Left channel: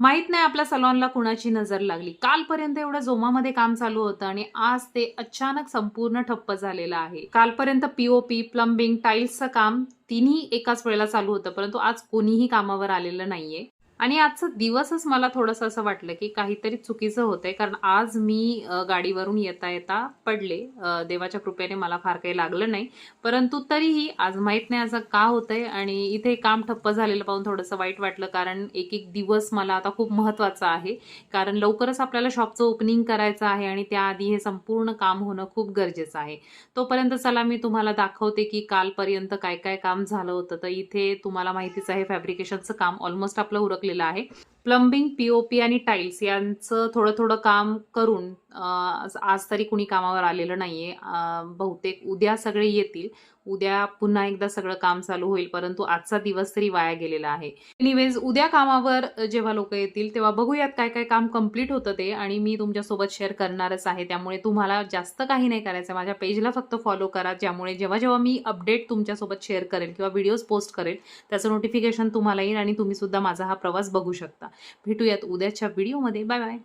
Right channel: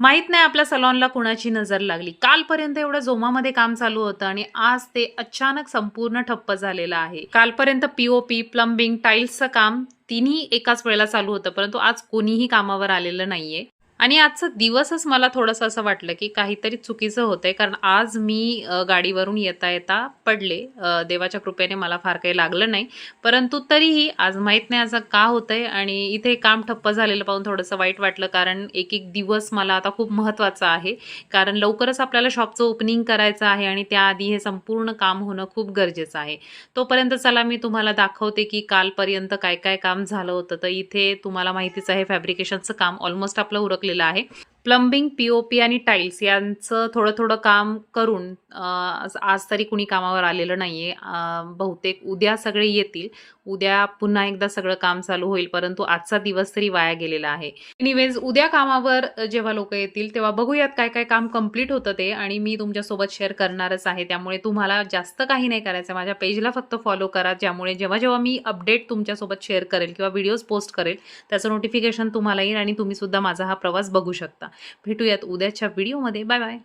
माहित नाही आपल्या सलॉनला कुणाची नजर लागली. कालपर्यंत एवढं जोमामध्ये काम चालू होतं आणि आज ते अचानक संपूर्ण ठप्प झालेलं आहे. कालपर्यंत पी-ओ-पी, प्लंबिंग, टाईल्सचं काम तिन्ही एकाच वेळेला चालू होतं, परंतु आज कोणीही कामावर आलेलं नाहीये. आणि आजचा दिवसच मला थोडंसं असं वाटलं, की काहीतरी चुकीचं होतंय. कारण आज मी गाडीवरून येता-येता पडले. देवाच्या कृपेने मला फार काही लागलं नाही. परंतु तरीही आज माहीत नाही असं का होतंय आणि इथे काम ठप्प झालेलं पाहून थोडंसं वाईट वाटलं. कारण एक-एक दिवस मला आता खूप महत्त्वाचा आहे. कारण लवकरच आपल्याला शॉपचं ओपनिंग करायचं आहे आणि त्याआधी हे संपूर्ण काम होणं खूप गरजेचं आहे. तोपर्यंत चला मी तुम्हाला दाखवते, की कालपर्यंत काय-काय काम झालं होतं. तर इथे तुम्हाला माहितीच आहे फॅब्रिकेशनचं काम ऑलमोस्ट आपलं उरकलेलं आहे. प्लंबिंग, पी-ओ-पी आणि टाईल्स यांचं थोडं-थोडं काम करून आज तरी कुणी कामावर आलेलं नाहीये. बहुतेक उद्या सगळे येतील. उद्या पुन्हा एकदा सगळं काम चालू होईल, परंतु आजचा दिवस तरी वाया गेलेला आहे. एनिवेज उद्या कामावर जेव्हा लोकं येतील, तेव्हा बघूयात काय-काय काम कंप्लीट होतं ते आणि मी तुमच्यासोबत शेअर करणारच आहे. त्यामुळे तुम्हाला जास्त काही नाही करायचं. माझ्या पेजला फक्त फॉलो करा. ज्यामुळे जेव्हा-जेव्हा मी अपडेट तुमच्यासोबत शेअर करेल किंवा व्हिडिओज पोस्ट करेल, त्याचं नोटिफिकेशन तुम्हाला येईल आणि तुम्ही सुद्धा माझा हा प्रवास बघू शकता. भेटूयात उद्याच्या व्हिडिओमध्ये. Bye bye.